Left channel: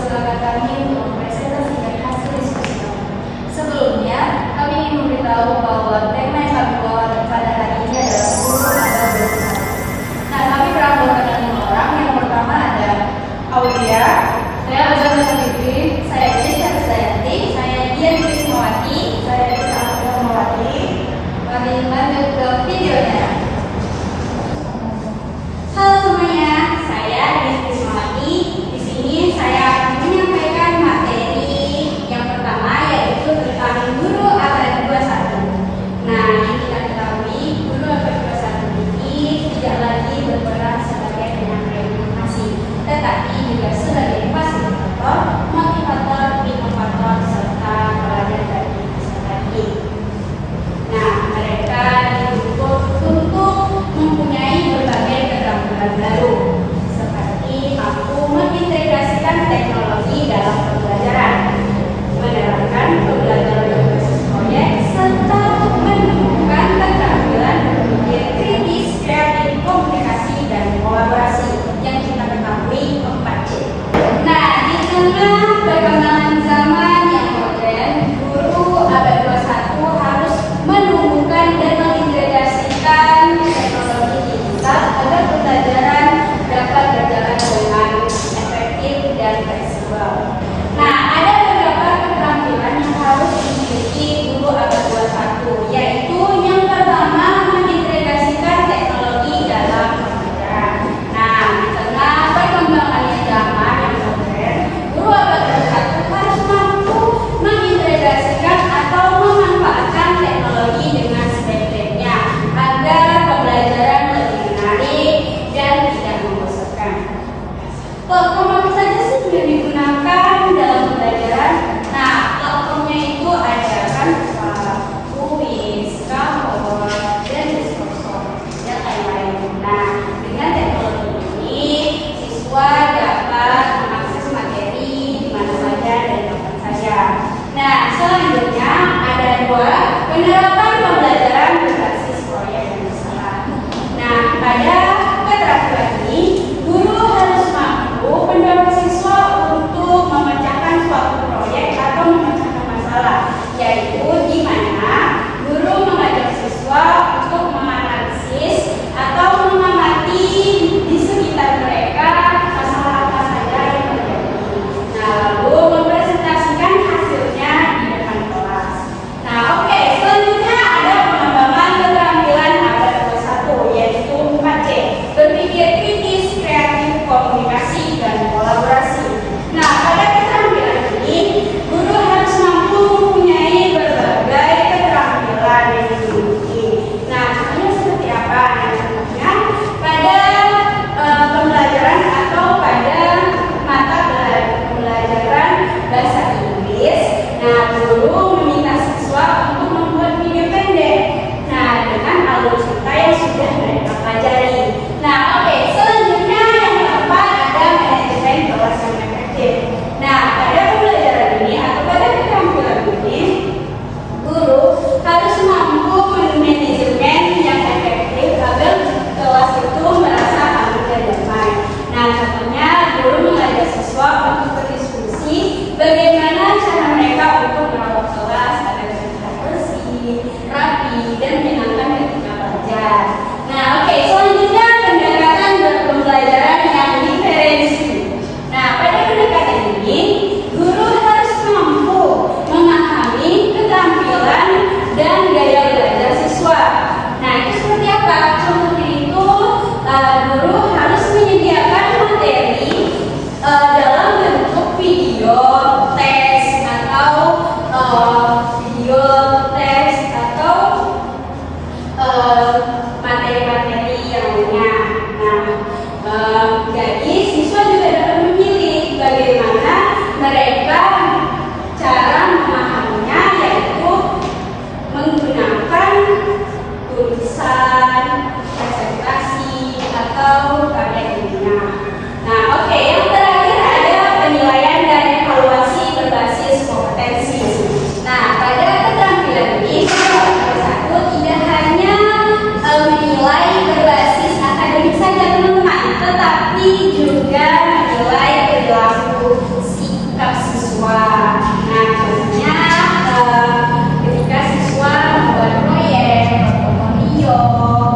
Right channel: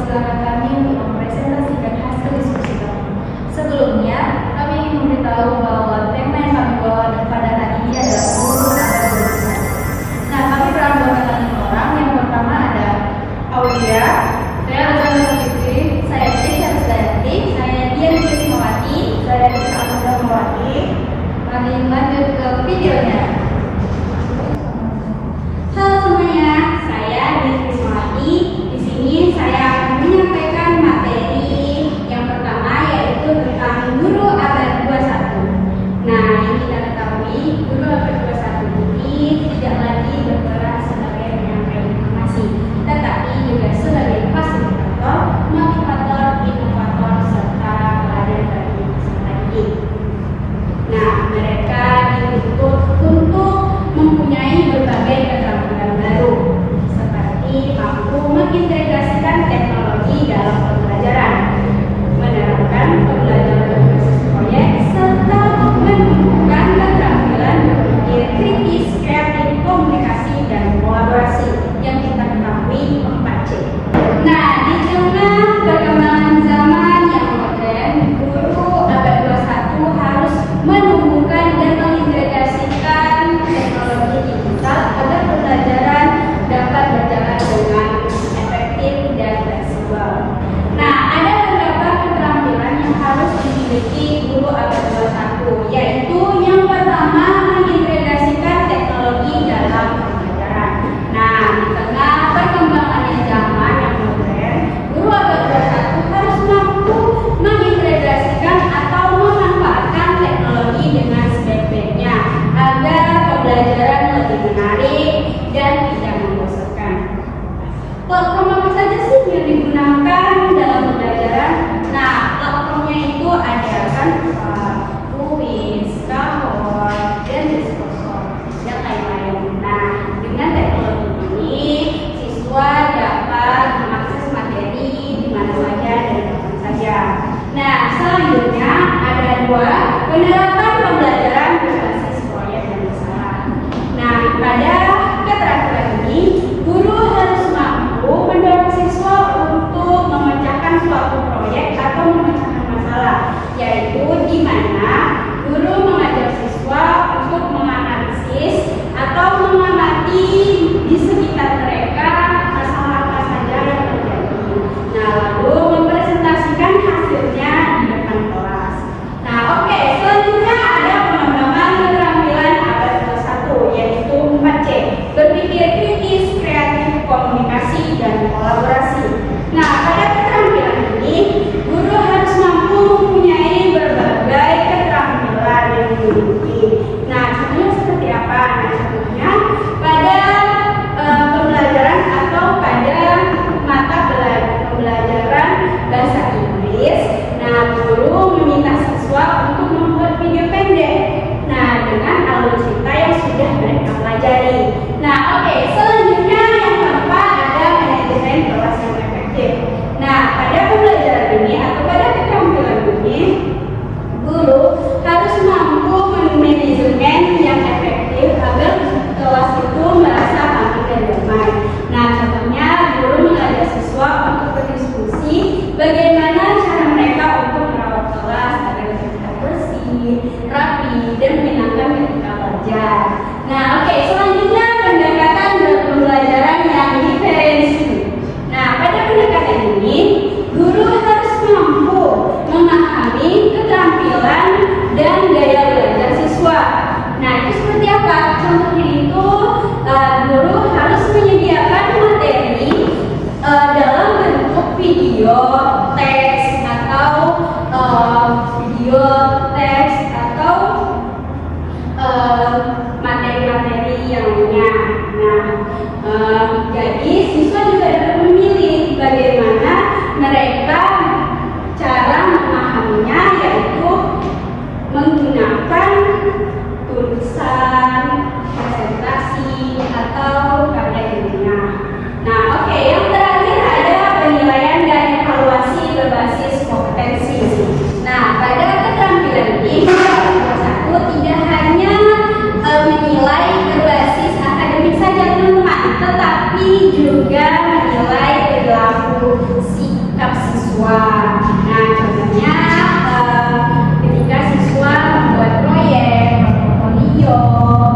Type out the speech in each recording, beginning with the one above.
mempersilahkan kami untuk mempresentasikan hasil diskusi kami. Sebelumnya, kami ingin memberitahu bahwa tema yang kami bawa pada hari ini adalah guru abad 21. Nah, kami beranggotakan 5 orang. Yang pertama ada Aulia, saya Azam Fikri, saya Cisha Rusdayanti, saya Dian Krismawati, saya Issa Amdamawati. Kami lanjut ke videonya. Halo semuanya, saya Dian Krismawati. Di sini saya akan menyampaikan materi yang pertama, yaitu tentang guru abad 21. Nah, yang kita ketahui, guru abad 21 ini tidak lagi berperan sebagai penyampai informasi, tetapi juga sebagai fasilitator, motivator, inovator, serta pelayan dari peserta didik. Nah, mereka dituntut untuk mempunyai berbagai keterampilan baru, seperti mampu mengintegrasikan teknologi dalam pembelajaran, menerapkan pembelajaran berbasis proyek, serta menumbuhkan keterampilan berpikir kritis, kreatif, komunikasi, dan kolaborasi yang kita ketahui 4C. Nah, di tengah perkembangan zaman yang modern, guru abad 21 harus menumbuhkan dan mengintegrasikan teknologi digital agar pembelajaran dapat berjalan dengan efektif dan fleksibel. Nah, ada beberapa keterampilan yang harus dimiliki guru abad 21, yaitu yang pertama, mengintegrasikan teknologi dalam pembelajaran. Nah, di tengah perkembangannya zaman yang modern, guru abad 21 harus mampu mengintegrasikan atau memanfaatkan teknologi dengan sebaik-baiknya agar pembelajaran lebih menarik dan tidak membosankan. Platform apa saja sih yang digunakan dalam pembelajaran? Nah, platformnya itu ada Canva, Kuis, Kahoot, dan Discourse, dan lain-lain. Nah, dengan teknologi ini, siswa dapat mengakses materi di mana saja dan kapan saja. Nah, selanjutnya ada 2, penerapan pembelajaran berbasis proyek dan masalah. Nah, pada keterampilan ini, guru harus mampu mendorong siswa untuk memecahkan suatu proyek atau memecahkan masalah, yaitu di mana guru mengajak siswa untuk menganalisis atau mengamati di sekitar mereka masalah apa saja yang terjadi. Nah, lalu mempresentasikan hasilnya di depan kelas. Nah, oke, selanjutnya ada pengembangan keterampilan abad 21, yaitu 4C, berpikir kritis, kreatif, komunikasi, dan kolaborasi. Nah, pada keterampilan ini, guru harus mampu mempunyai berbagai sikap siswa. Nah, contohnya ketika siswa membuat proyek, portofolio,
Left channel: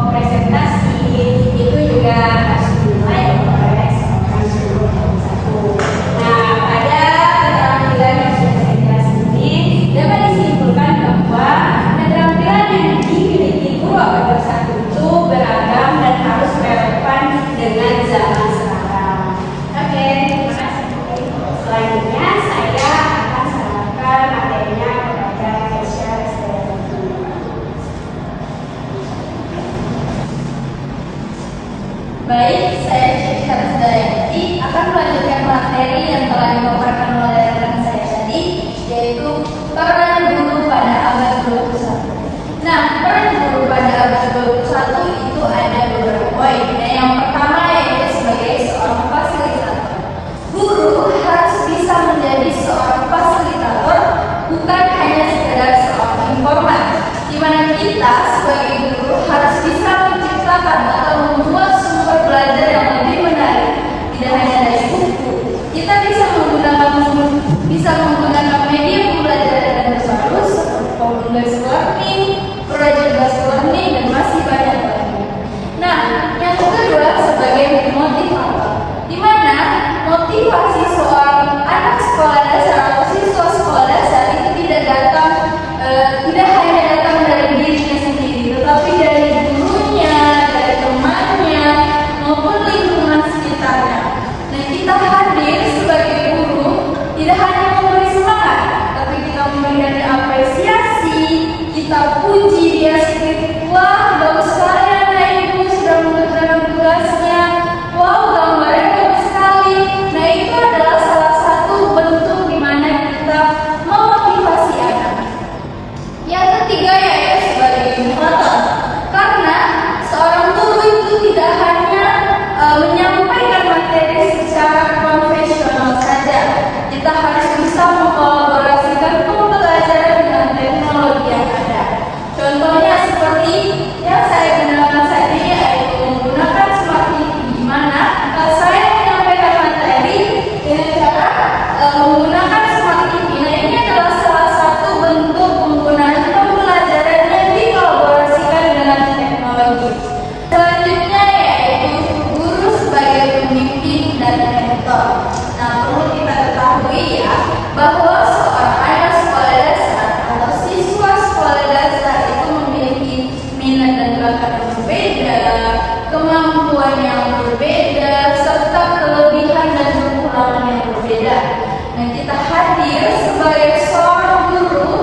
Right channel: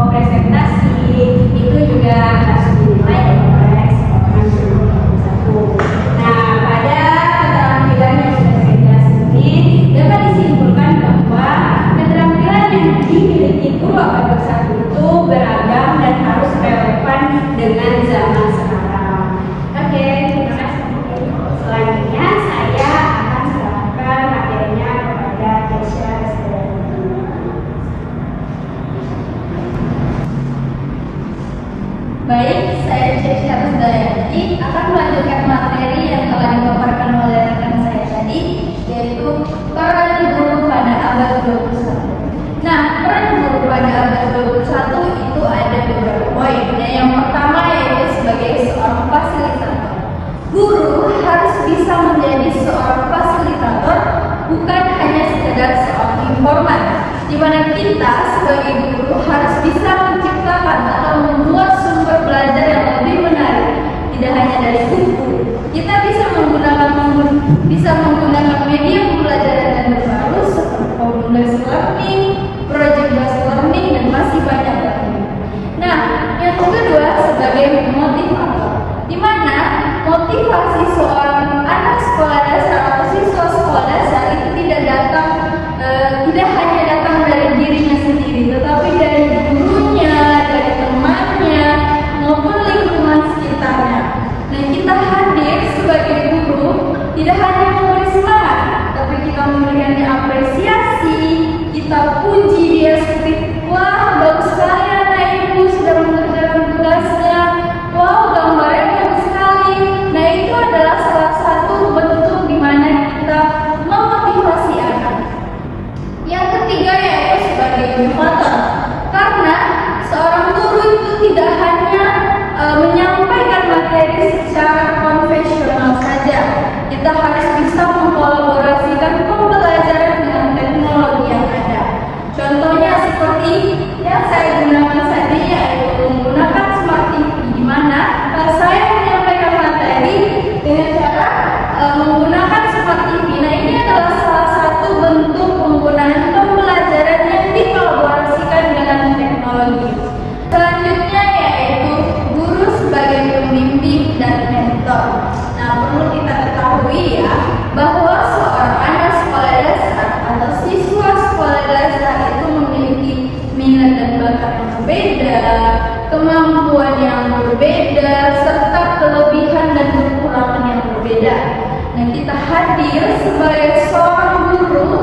presentasi, itu juga harus dinilai oleh seorang guru satu. Nah, pada keterampilan yang sudah saya jelaskan ini dapat disimpulkan bahwa keterampilan yang dimiliki guru abad 21 itu beragam dan harus relevan dengan zaman sekarang. Oke, terima kasih. Selanjutnya saya akan serahkan materinya kepada Kesha Restayanti. Baik, saya Kesha Restayanti akan melanjutkan materi yang telah dipaparkan oleh rekan saya tadi, yaitu peran guru pada abad 21. Nah, peran guru pada abad 21 itu ada beberapa poin. Yang pertama yaitu sebagai seorang fasilitator. Guru harus bisa menjadi seorang fasilitator, bukan hanya sekedar seorang informan, di mana kita sebagai guru harus bisa menciptakan atau membuat sumber belajar yang lebih menarik, tidak hanya dari buku. Kita bisa menggunakan media pembelajaran yang terbaru seperti home-based learning, project-based learning, dan masih banyak lagi. Nah, yang kedua sebagai motivator, di mana motivasi seorang anak sekolah dasar atau siswa sekolah dasar itu tidak hanya datang dari dirinya sendiri, tetapi dari gurunya, dari temannya, maupun lingkungan sekitarnya. Dan kita hadir sebagai guru tidak hanya memberi semangat, tapi kita memberikan apresiasi, kita puji dia seperti, wah bagus sekali anak ibu sudah mengerjakan tugasnya, wow gambarnya bagus sekali. Nah, itu adalah salah satu bentuk di mana kita memotivasi anak. Yang ketiga yaitu sebagai inovator, karena seorang guru itu tidak hanya menyampaikan materi secara konvensional saja. Kita harus bisa mengkolaborasikan pembelajaran dengan teknologi yang ada. Contohnya seperti yang saya gunakan tadi, yaitu menggunakan smart TV, di mana saya menyampaikan materi dengan cara menggunakan smart TV. Nah, ini adalah salah satu bentuk penggunaan pembelajaran yang dikolaborasikan dengan teknologi. Selanjutnya yaitu guru sebagai pembimbing dan mentor. Nah, perlu kita ketahui ya, bahwa seorang anak sekolah dasar atau siswa sekolah dasar itu memiliki minat dan bakat yang berbeda, kemampuan yang berbeda, serta kelebihan dan kekurangan yang berbeda. Nah, kita hadir sebagai seorang guru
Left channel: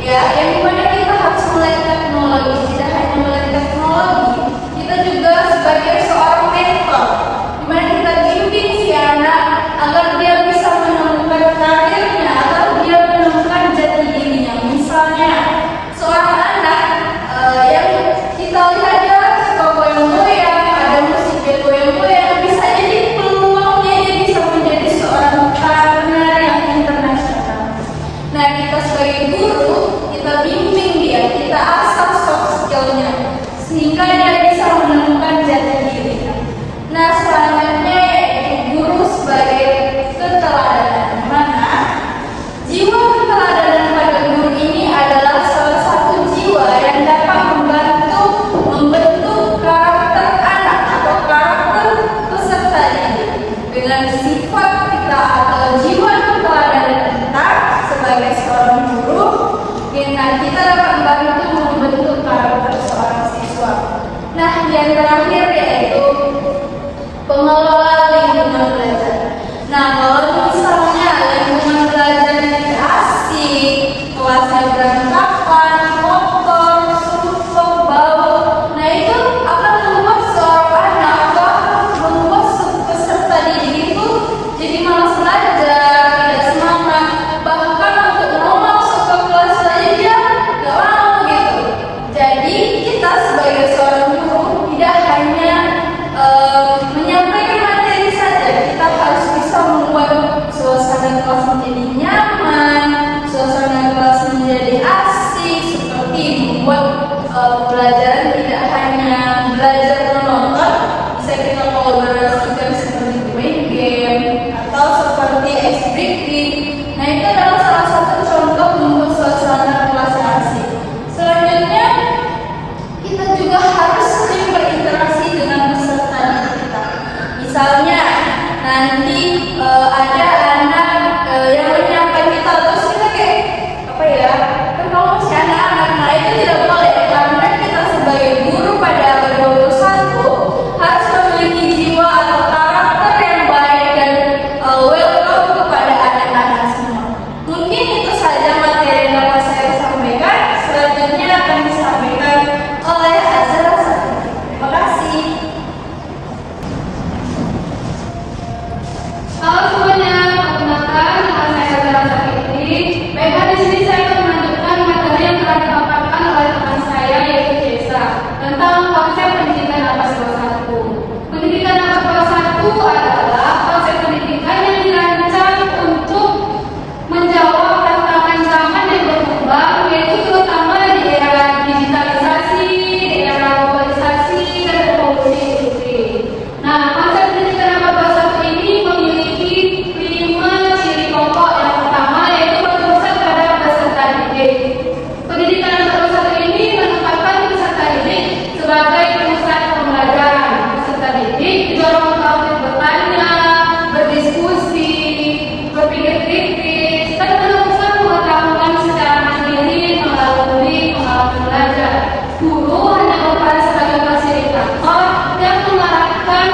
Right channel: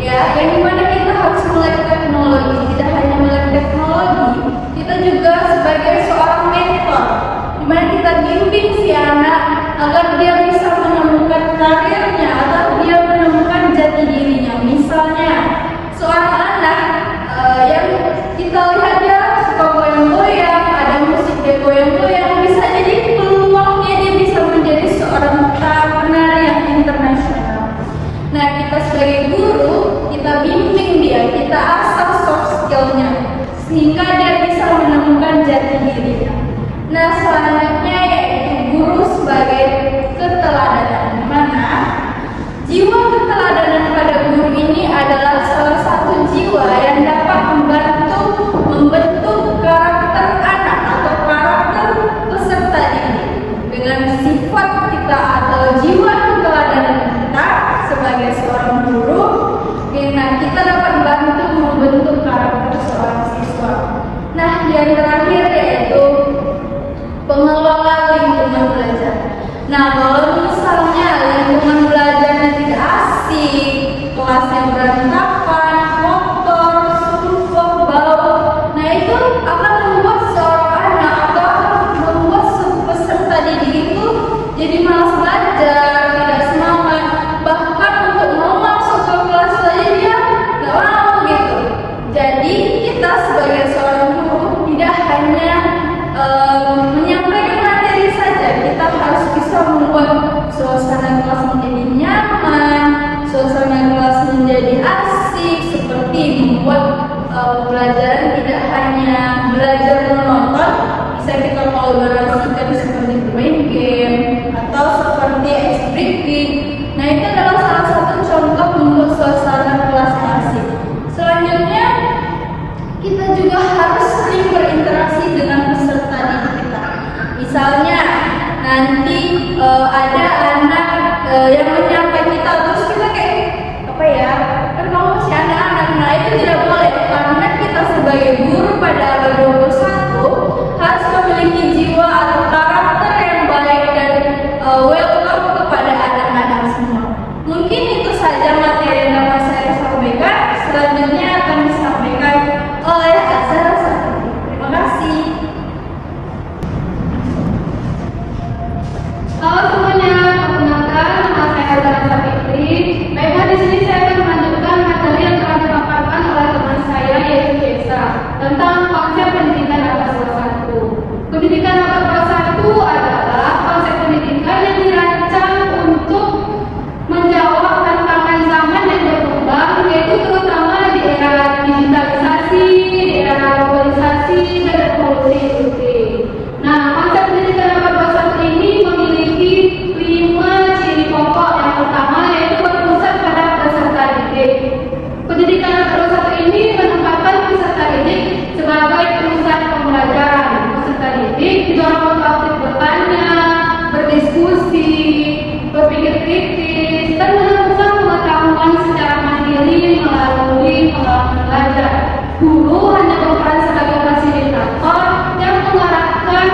ya, yang dimana kita harus melek teknologi. Tidak hanya melek teknologi, kita juga sebagai seorang mentor, dimana kita bimbing si anak agar dia bisa menemukan karirnya, agar dia menemukan jati dirinya. Misalnya seorang anak yang kita lihat dia suka goyang-goyang, ada musik dia goyang-goyang, bisa jadi peluangnya dia bisa menjadi seorang penari yang internasional. Nah, kita sebagai guru, kita bimbing dia, kita asah soft skill-nya, sehingga dia bisa menemukan jati dirinya. Nah, selanjutnya yaitu guru sebagai keteladanan, di mana jiwa keteladanan pada guru ini adalah salah satu jiwa yang dapat membentuk karakter anak atau karakter peserta didik. Dengan sifat kita atau jiwa keteladanan kita sebagai seorang guru, kita dapat membantu membentuk karakter seorang siswa. Nah, yang terakhir yaitu pengelola lingkungan belajar. Nah, kalau misalnya lingkungan belajarnya tidak asik, kelasnya berantakan, kotor, sumpah, bau, nah itu akan membuat seorang anak atau membuat peserta didik itu jadi malas belajar, tidak semangat, bahkan untuk mau masuk ke kelas saja dia nggak mau gitu. Jadi kita sebagai seorang guru tidak hanya menyampaikan materi saja, kita harus bisa membuat suasana kelas menjadi nyaman, suasana kelas menjadi asik, seperti membuat pelajaran tidak hanya belajar menonton, bisa kita kolaborasikan seperti main game atau seperti breaking. Nah, itu adalah salah satu contoh membuat suasana kelas yang asik. Selanjutnya, kita juga harus sering berinteraksi dengan peserta didik kita. Misalnya, nanti ada anak yang menyapa kita, terus kita kayak apa ya? Kan kalau masih anak-anak, nah itu tidak boleh karena kita sebagai guru pada abad 21 harus memiliki jiwa atau karakter yang baik dan welcome kepada anak-anak semua. Mungkin itu saja materi yang dapat saya sampaikan. Selanjutnya akan disampaikan oleh Azhara Safitri. Terima kasih. Halo semuanya, perkenalkan nama saya Azhara Safitri. Baiklah, di sini saya akan melanjutkan materi yang telah dipaparkan oleh teman saya yaitu Jesa tentang konsep pendidikan abad 21. Pendidikan abad 21 adalah konsep pendidikan yang dirancang untuk menjawab tantangan zaman yang berkembang, yaitu terutama di era digitalisasi, di era globalisasi, dan revolusi industri. Nah, konsep pendidikan abad 21 ini memiliki 5 ciri pokok. Yang pertama yaitu berpusat pada peserta didik. Pendidikan abad 21 ini menempatkan peserta didik sebagai pusat pembelajaran. Peserta didik didorong untuk bertanya, berdiskusi, berpikir kritis, dan menemukan pengetahuan secara mandiri melalui pengalaman belajar. Guru hanya berperan sebagai fasilitator yang mengarahkan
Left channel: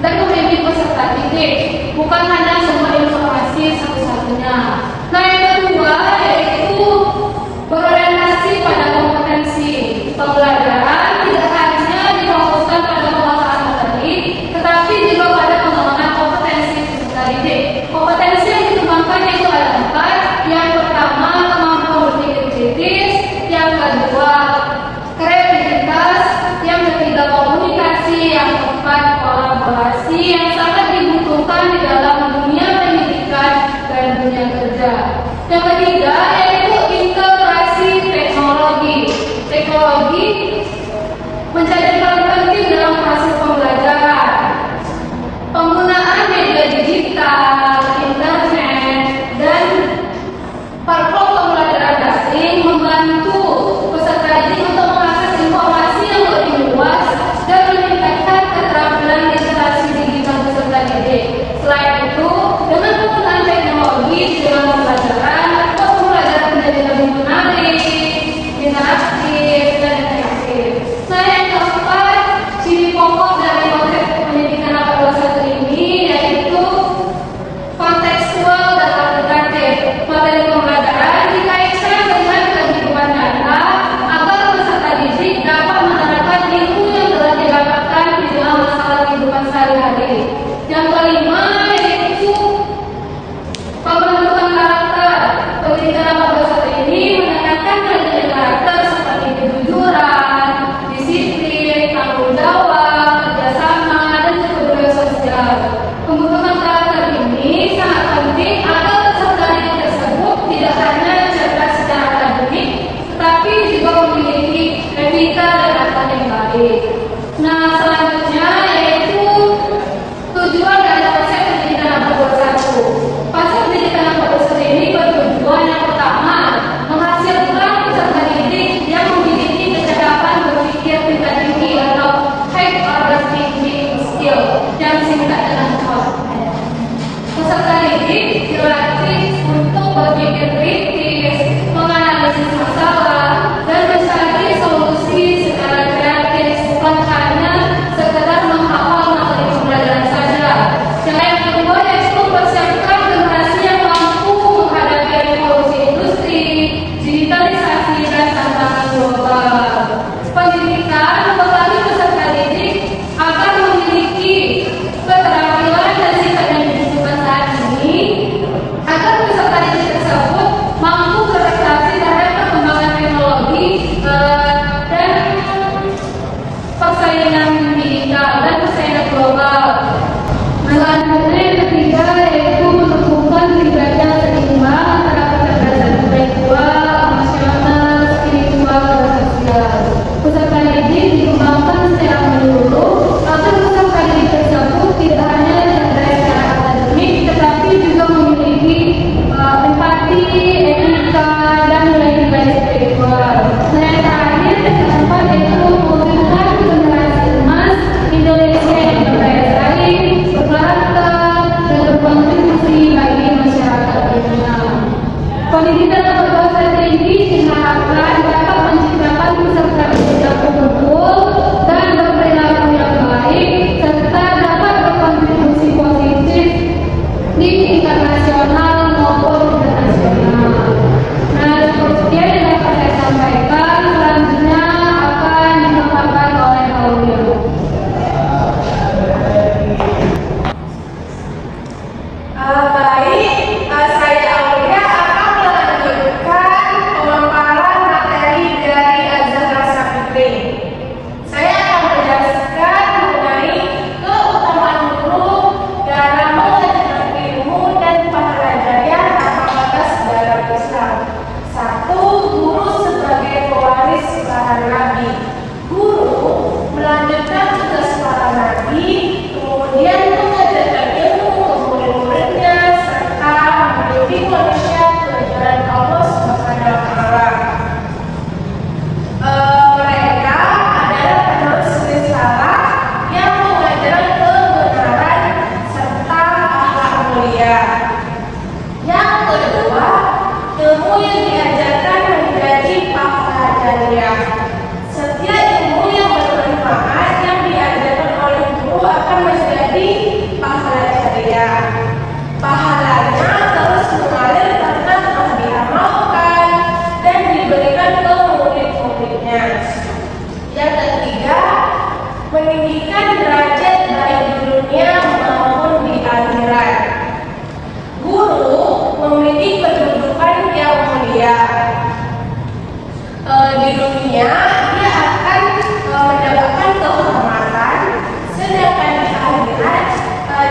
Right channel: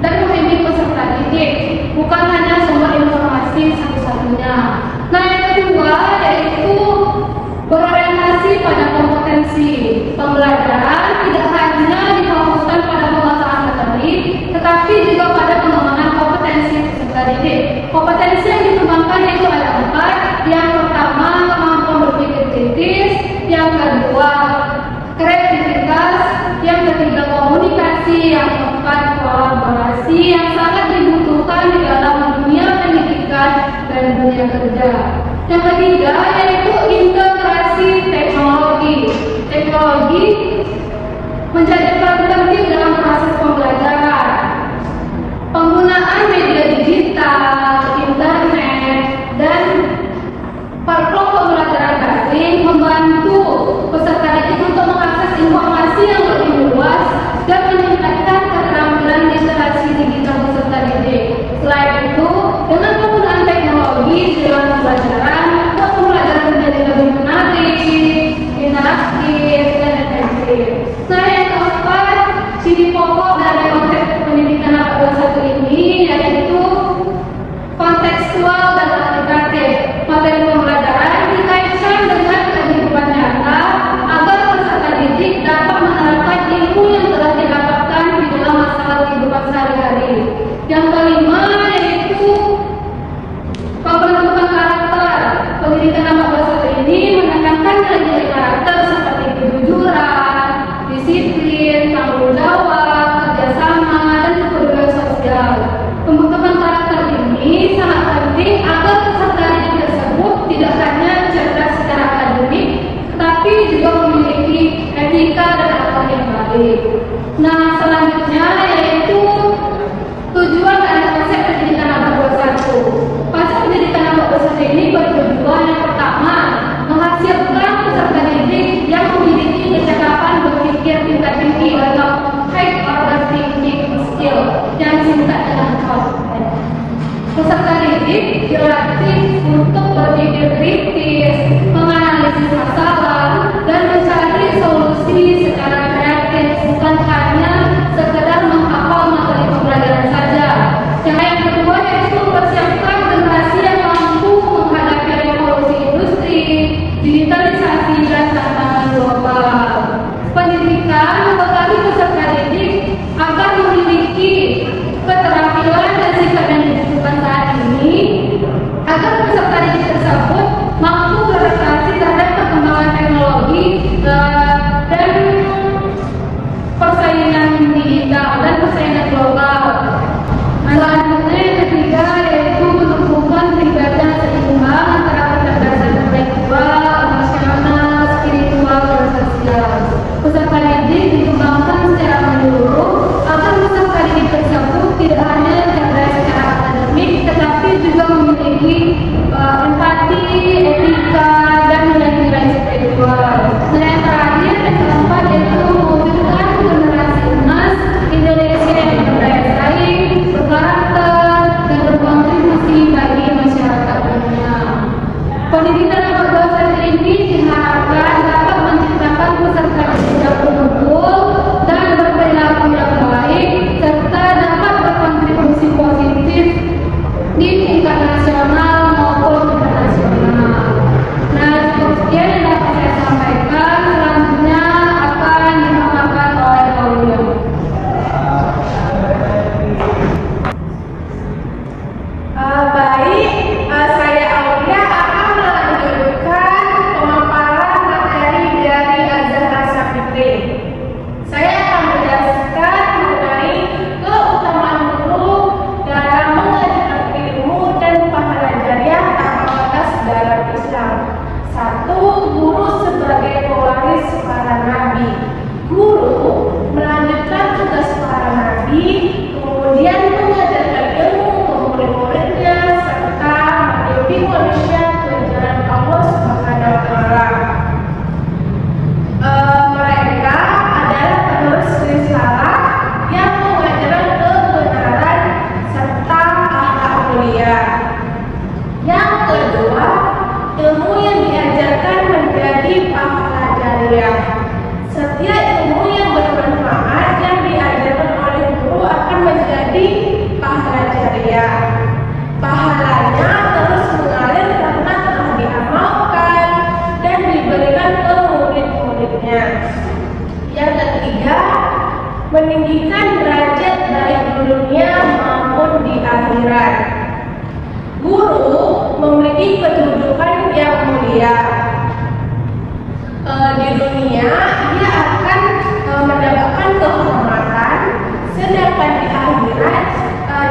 dan membimbing peserta didik, bukan hanya sumber informasi satu-satunya. Nah, yang kedua yaitu berorientasi pada kompetensi. Pembelajaran tidak hanya difokuskan pada penguasaan materi, tetapi juga pada pengembangan kompetensi peserta didik. Kompetensi yang dikembangkan itu ada 4. Yang pertama, kemampuan berpikir kritis. Yang kedua, kreativitas. Yang ketiga, komunikasi. Yang keempat, kolaborasi yang sangat dibutuhkan di dalam dunia pendidikan dan dunia kerja. Yang ketiga yaitu integrasi teknologi. Teknologi menjadi peran penting dalam proses pembelajaran. Penggunaan media digital, internet, dan platform pembelajaran daring membantu peserta didik untuk mengakses informasi yang lebih luas dan meningkatkan keterampilan literasi digital peserta didik. Selain itu, dengan penggunaan teknologi di dalam pembelajaran, membuat pembelajaran menjadi lebih menarik, interaktif, dan efektif. Nah, yang keempat, ciri pokok dari konsep pendidikan abad 21 ini yaitu kontekstual dan aplikatif. Materi pembelajaran dikaitkan dengan kehidupan nyata agar peserta didik dapat menerapkan ilmu yang telah didapatkan di dalam masalah kehidupan sehari-hari. Yang kelima yaitu pembentukan karakter. Pendidikan abad 21 ini menekankan nilai karakter seperti kejujuran, disiplin, tanggung jawab, kerjasama, dan juga budaya sosial. Pembentukan karakter ini sangat penting agar peserta didik tersebut tidak hanya cerdas secara akademik, tetapi juga memiliki etika dan akhlak yang baik. Nah, selanjutnya yaitu tujuan dari konsep pendidikan abad 21. Konsep pendidikan abad 21 ini bertujuan yang pertama, menghasilkan peserta didik yang memiliki kecakapan berpikir tingkat tinggi atau high order thinking skill yang disingkat dengan HOT. Peserta didik dilatih untuk berpikir kritis, menganalisis masalah, dan mencari solusi secara kreatif, bukan hanya sekedar menghafal materi pembelajaran saja. Yang kedua yaitu mempersiapkan generasi yang mampu menghadapi revolusi industri, digitalisasi, dan tantangan global. Pendidikan membekali peserta didik agar memiliki keterampilan dan sifat yang dibutuhkan saat ini, agar peserta didik tersebut mampu beradaptasi terhadap perkembangan teknologi dan persaingan digital dan persaingan global. Selanjutnya yang ketiga yaitu menumbuhkan pribadi seimbang antara kecerdasan intelektual, emosional, spiritual, dan sosial. Peserta didik dikembangkan secara menyeluruh agar peserta didik tersebut tidak hanya cerdas secara akademik, tetapi juga memiliki morality, etika, dan nilai-nilai spiritual. Nah, yang terakhir dan keempat yaitu mewujudkan generasi emas Indonesia yang berdaya saing, berkarakter, dan berkontribusi bagi masyarakat dunia. Pendidikan lembaga strategi diharapkan dapat menciptakan peserta didik yang unggul dan berperilaku yang baik, serta dapat berkontribusi positif di tingkat nasional maupun internasional. Nah, sekian yang dapat saya sampaikan. Selanjutnya akan disampaikan oleh Aulia. Baik, saya Aulia akan melanjutkan pemaparan materi dari Azhar Sapitri. Saya akan menjelaskan mengenai keutamaan guru dalam mengajarkan ilmu dan pahala jariah tanpa batas dalam Islam. 1. Guru sebagai pewaris para nabi. Guru melanjutkan tugas para nabi, kemudian mengajarkan ilmu ke murid-muridnya serta membimbing manusia ke jalan Allah Subhanahu wa Ta'ala. Mereka adalah penerus risalah yang mengajarkan kebenaran serta akhlak mulia. Yang kedua, ilmu yang diajarkan menjadi pahala jariah. Setiap ilmu yang bermanfaat yang diajarkan oleh guru akan menjadi pahala jariah. Pahalanya terus mengalir karena telah diamalkan dan diberikan ke murid-muridnya. Yang ketiga, meninggikan derajat baik di dunia maupun di akhirat. Guru memiliki kedudukan yang mulia. Di dunia dia akan mendapatkan kehormatan, sedangkan di akhirat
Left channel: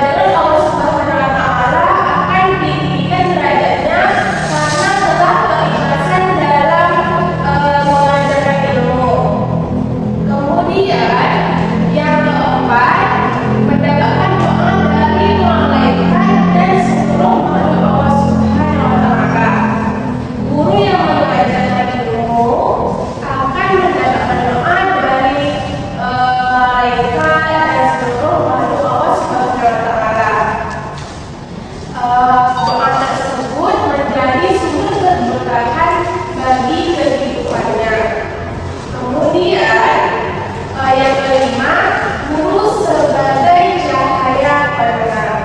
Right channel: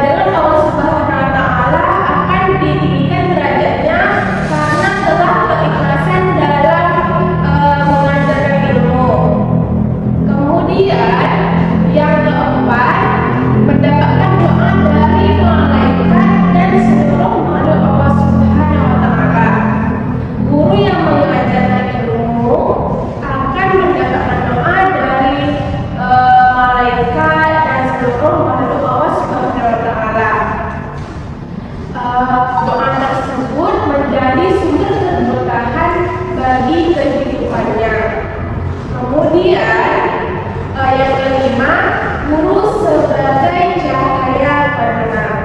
dengan Allah Subhanahu wa Ta'ala akan ditinggikan derajatnya karena telah keikhlasan dalam mengajarkan ilmu. Kemudian yang keempat, mendapatkan doa dari malaikat dan seluruh makhluk Allah Subhanahu wa Ta'ala. Guru yang mengajarkan ilmu akan mendapatkan doa dari malaikat dan seluruh makhluk Allah Subhanahu wa Ta'ala. Doa tersebut menjadi sumber keberkahan bagi kehidupannya. Kemudian yang kelima, guru sebagai cahaya penerang.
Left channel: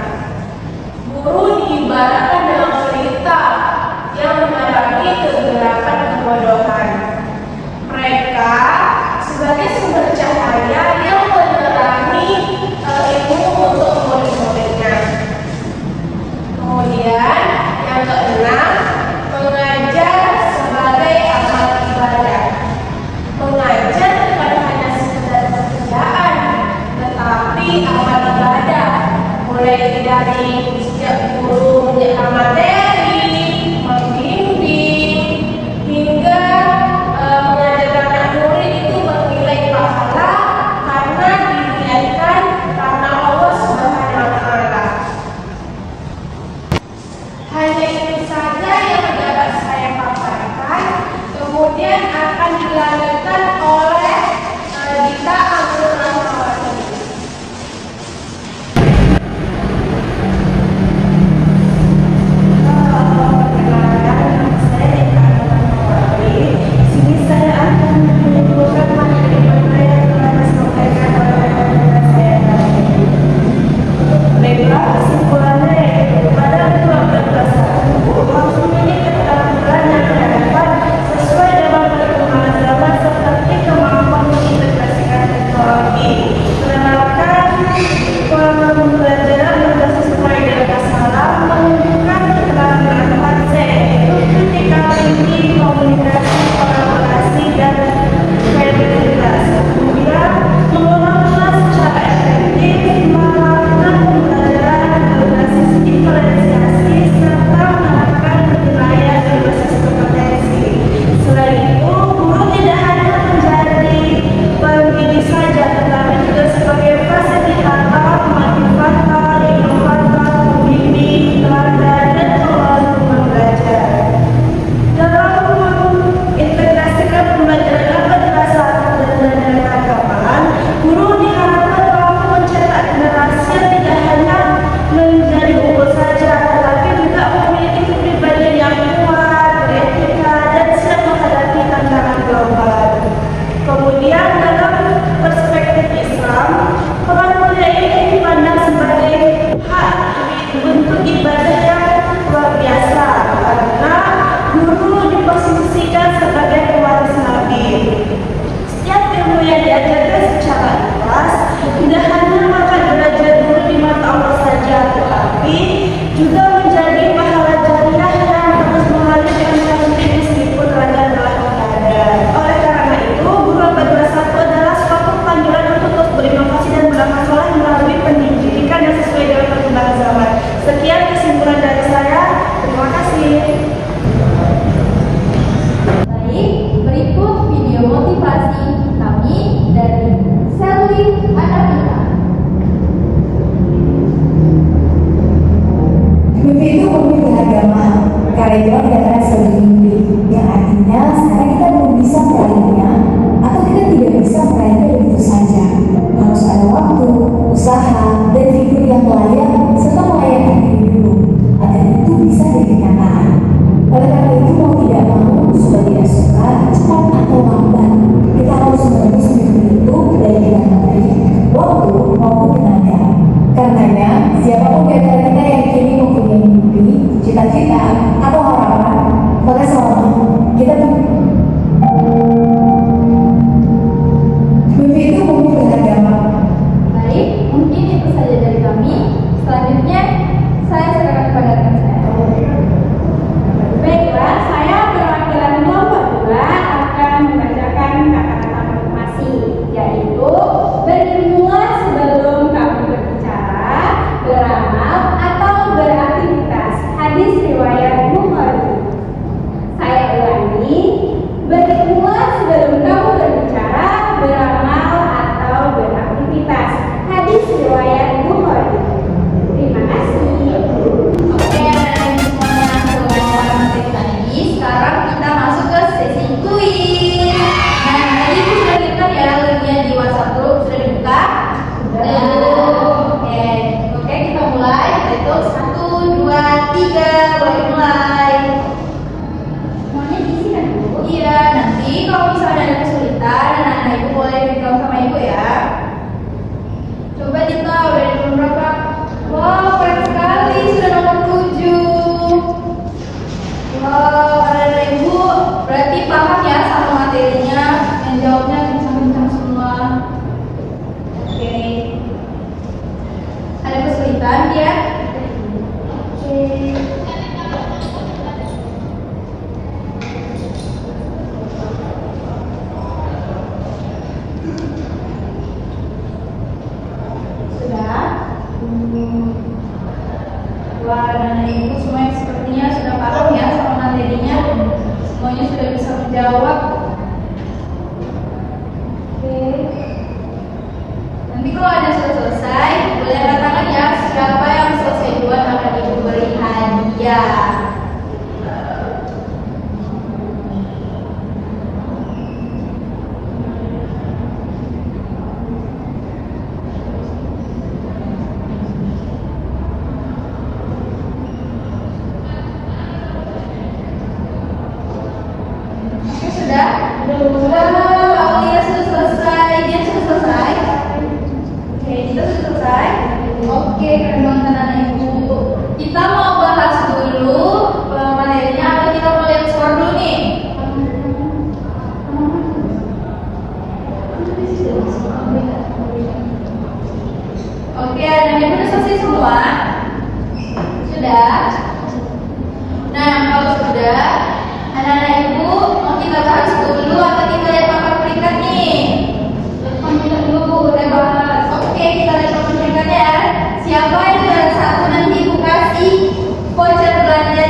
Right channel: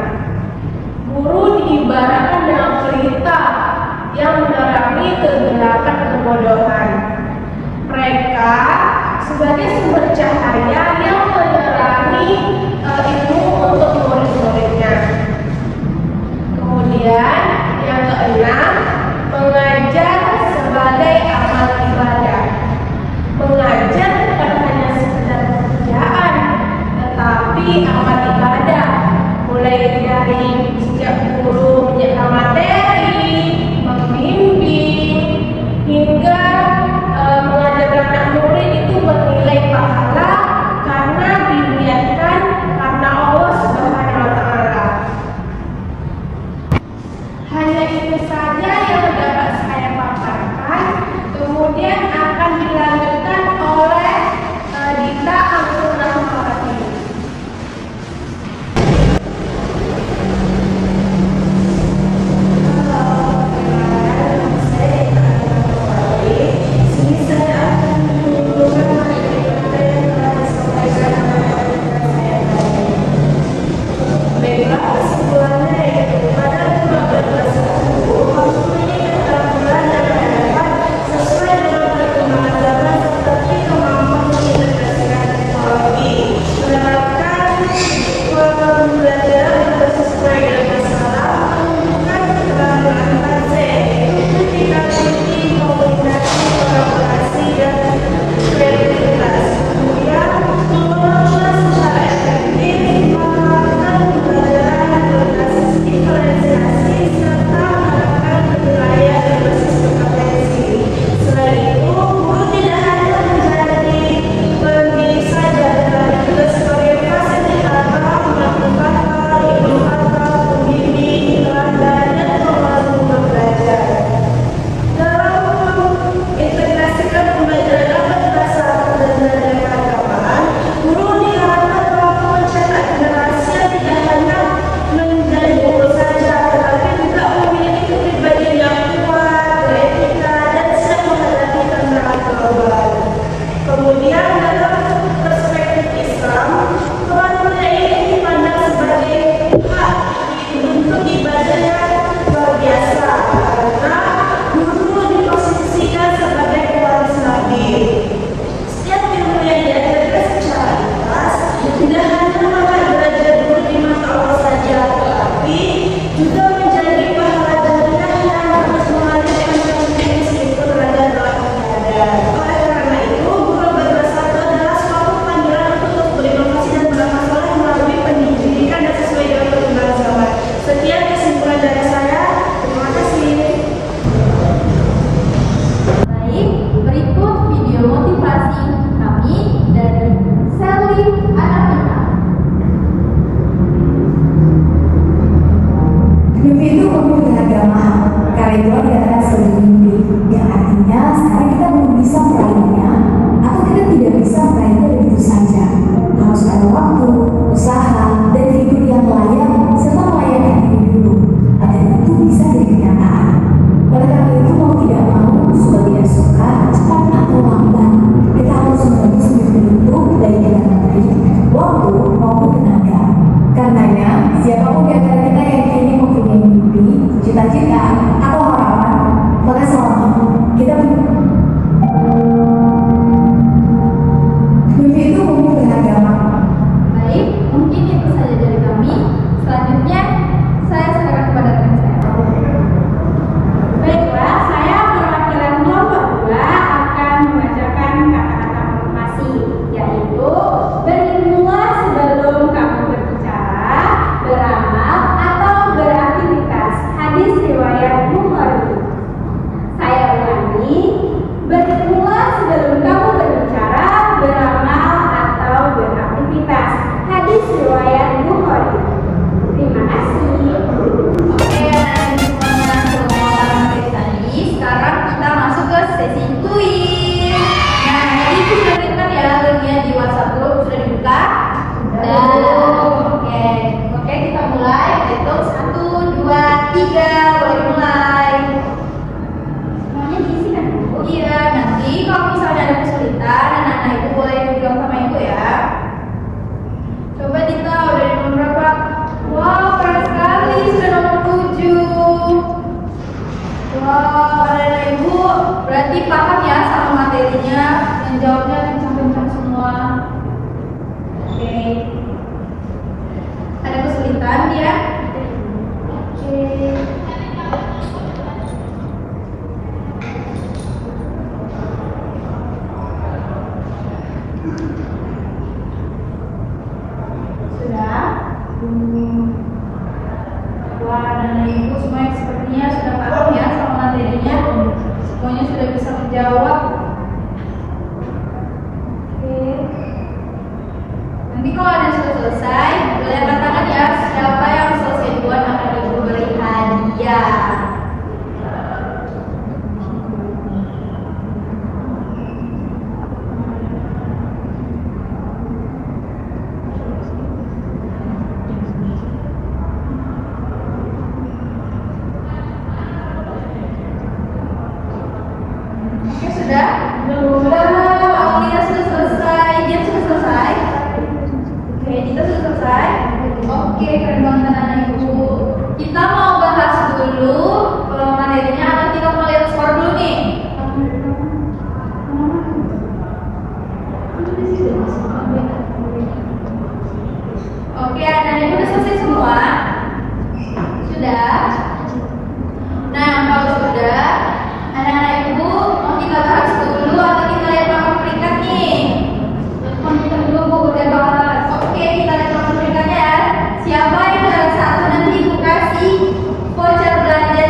Guru diibaratkan dengan pelita yang menerangi kegelapan kebodohan. Mereka sebagai sumber cahaya yang menerangi ilmu untuk murid-muridnya. Kemudian yang keenam, mengajar sebagai amal ibadah. Mengajar bukan hanya sekedar pekerjaan, tetapi amal ibadah. Mulai dari setiap guru menjaga materi, membimbing, hingga mengajarkan anak murid itu bernilai pahala karena diniatkan karena Allah Subhanahu wa Ta'ala. Hanya itu saja yang dapat saya paparkan. Kemudian akan dilanjutkan oleh Dita Anggur Rahmawati. Baiklah, kesimpulannya yaitu pada kurang berkesan harus memiliki keterampilan yang relevan sesuai dengan perkembangan zaman serta kemampuan mengintegrasikan bukan sebagai pewaris Nabi. Setiap ilmu yang diajarkan secara ikhlas tidak hanya mengangkat derajat guru di mata Allah saja, tetapi juga menjadi pahala jariah yang terus mengalirkan rezeki meskipun ragam dalam keadaan. Oleh karena itu, guru abad 21 adalah suatu panggilan untuk terus berinovasi dan beramal soleh melalui pendidikan yang sesuai dengan perkembangan zaman. Sekian kesimpulan dari saya. Terima kasih. Baik, berikut video motivasi kami dari Sally Anabila. Mimpi itu memiliki keagamaan, karena itu dikatakan sebagai mimpi, yang artinya sekarang kita belum bisa meraihnya, atau kita tidak bisa meraihnya begitu saja. Harus ada waktu, usaha, dan figur yang layak, serta melayani diri dulu, agar itu bisa jadi kenyataan. Oleh karena itu, mau tidak mau, suka tidak suka, cepat atau lambat, kita harus menembus mimpi itu baik dengan menteri, waktu maupun tenaga. Karenanya, siapapun di antara kita yang kini mempunyai mimpi, cita-cita, atau harapan, maka sama kita mimpi itu memiliki keagamaan. Baik, mungkin itu saja dari kami. Selanjutnya, saya serahkan kepada rekan saya. Baiklah, saya perwakilan kelompok 2 akan membacakan kata-kata motivasi, yaitu berilmulah sebelum kamu berbicara, beramal, atau beraktivitas. Hadis riwayat Bukhari. Saya ulangi, berilmulah sebelum kamu berbicara, beramal, atau beraktivitas. Hadis riwayat Bukhari. Terima kasih. Oke, anak-anak semuanya, semua para materi tadi. Sekarang kita masuk ke sesi kuis. Nah, tadi sudah dibuka ya, bagian di WhatsApp group sudah dibuka. Sudah. Oke, kita mulai. Hitung 1, 2, 3, boleh mulai. Semuanya diisi kan, Bu? Iya, nanti kalau misalnya ada kesulitan, anak-anak ibu boleh bilang sama ibu ya. Coba Dita, udah di nomor berapa? Wow, keren sekali, sudah nomor 7. Wow, ada ibu, berarti paham ya sama materinya, yang jawabnya kencang-kencang semua. Oke. Ada kesulitan dia? Oke. Sudah? Wah, dan ibu semuanya sepertinya sudah paham ya sama materinya. Semuanya sudah bisa menjawab. Oke. Nanti kalau ada yang sudah selesai, boleh angkat tangan ya. Siapa yang selesai duluan akan ibu beri hadiah. Oke, sudah? Sudah. Aulia sudah selesai. Dia sudah selesai. Oke, kita sudah selesai. Oke, keren banget anak-anak ibu. Kita mau bahas dulu materinya atau kita mau lihat skor dulu nih? Oke, anak-anak ibu udah selesai semua? Sudah? Nah, kalau sudah, anak-anak ibu mau kita bahas dulu atau kita lihat papan peringkat nih? Kita dulu Bu, udah bahas. Oke, kita lihat papan peringkatnya ya. Siapa yang juara 1 nanti ibu kasih voucher belanja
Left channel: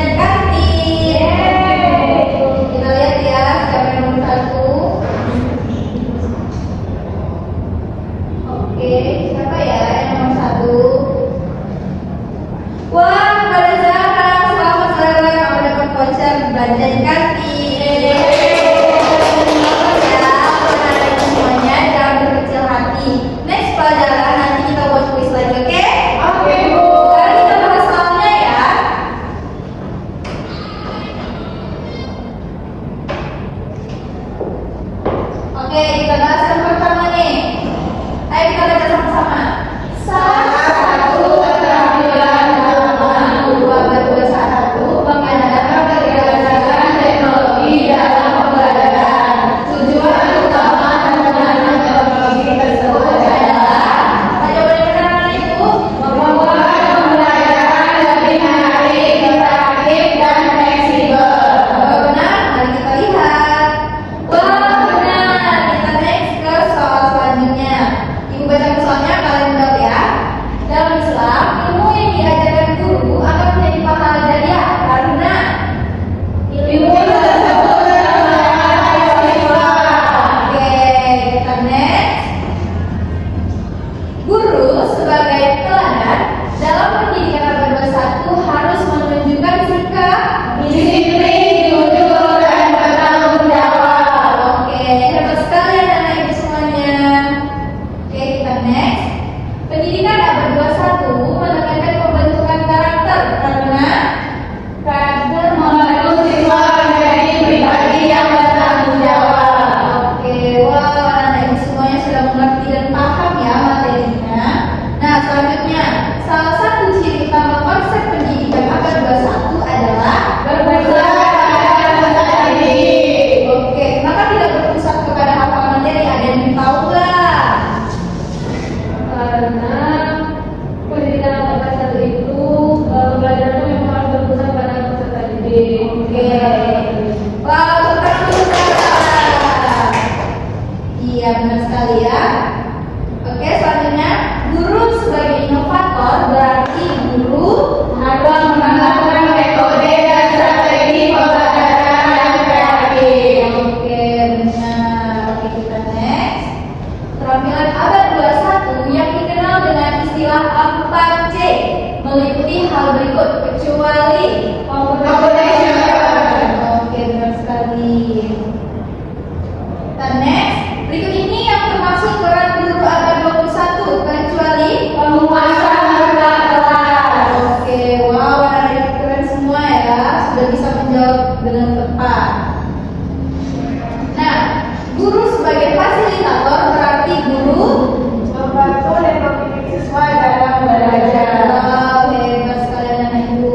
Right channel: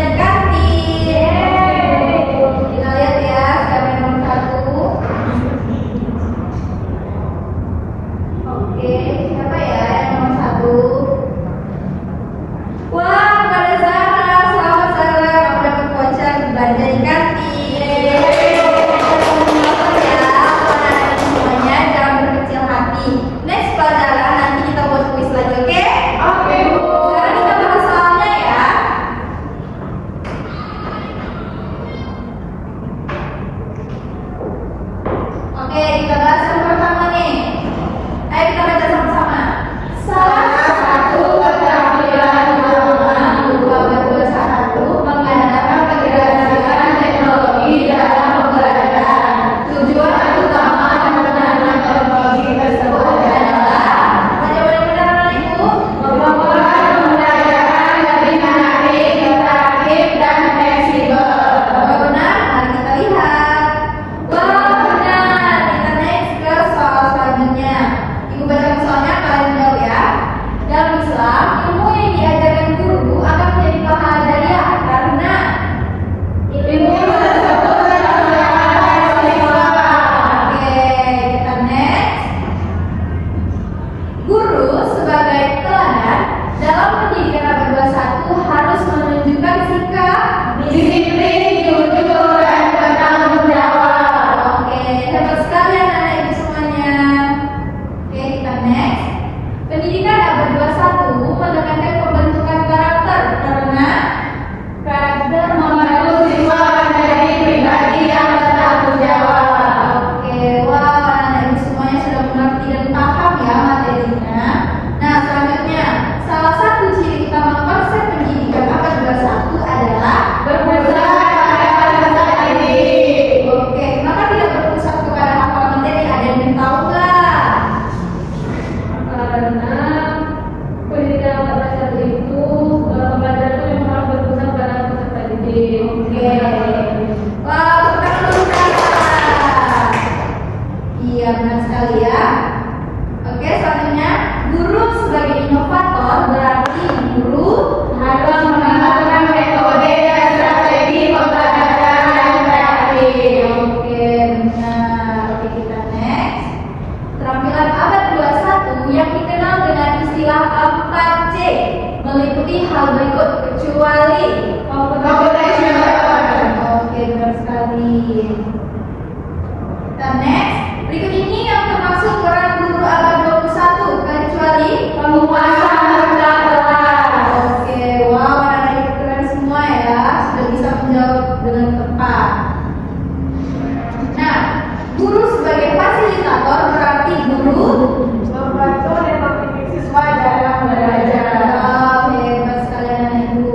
Oke. Wah, tepuk tangan dulu, Kak. Iya, benar sekali ya. Oke, selanjutnya guru sebagai inovator berarti guru akan menggunakan metode dan strategi pembelajaran yang kreatif. Oke, benar. Oke, kita next. Keterampilan abad 21 yang dikenal dengan istilah 4C meliputi hal berikut kecuali Oke, benar sekali. Kita next. Berikut ini yang termasuk peran guru abad 21 kecuali Penguasaan harga kelas. Oke, wow, ada keren semua ya, sudah bisa menjawab dengan tepat. Nah, guru sebagai fasilitator berarti guru Membantu dan membimbing siswa dalam belajar. Wow, hebat sekalian anak ibu.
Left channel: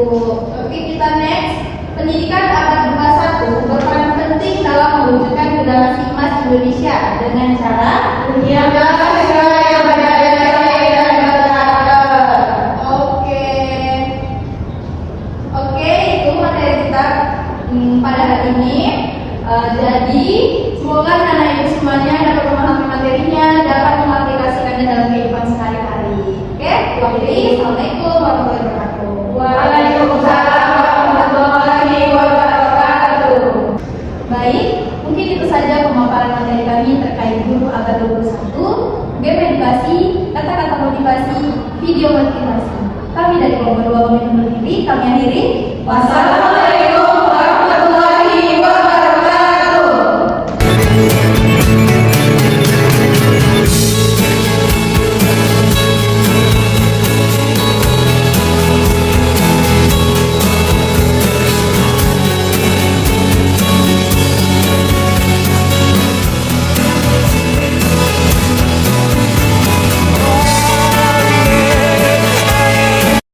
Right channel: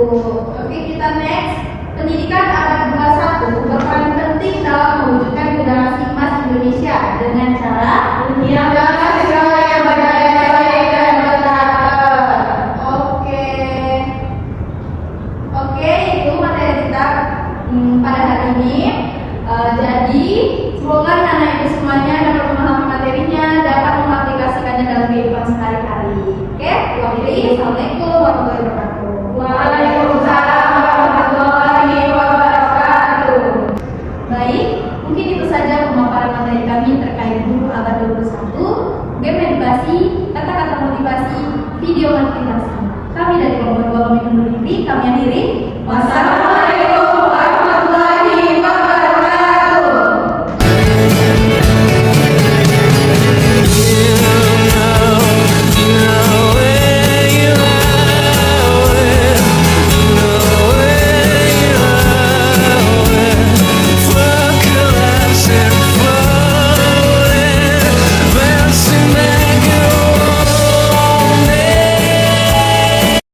Oke, kita next. Pendidikan abad 21 berperan penting dalam mewujudkan generasi emas Indonesia dengan cara Menyiapkan siswa yang berdaya baik dan berkarakter. Oke. Oke, itu materi kita pada hari ini. Jadi, semoga anak ibu semuanya dapat memahami materinya, dapat mengaplikasikannya dalam kehidupan sehari-hari. Oke, Assalamualaikum warahmatullahi wabarakatuh. Waalaikumsalam warahmatullahi wabarakatuh. Baik, mungkin itu saja pemaparan materi kami terkait guru abad 21, game edukasi, kata-kata motivasi, video motivasi. Kami dari kelompok 2 kami undur diri, kami akhiri. Wassalamualaikum.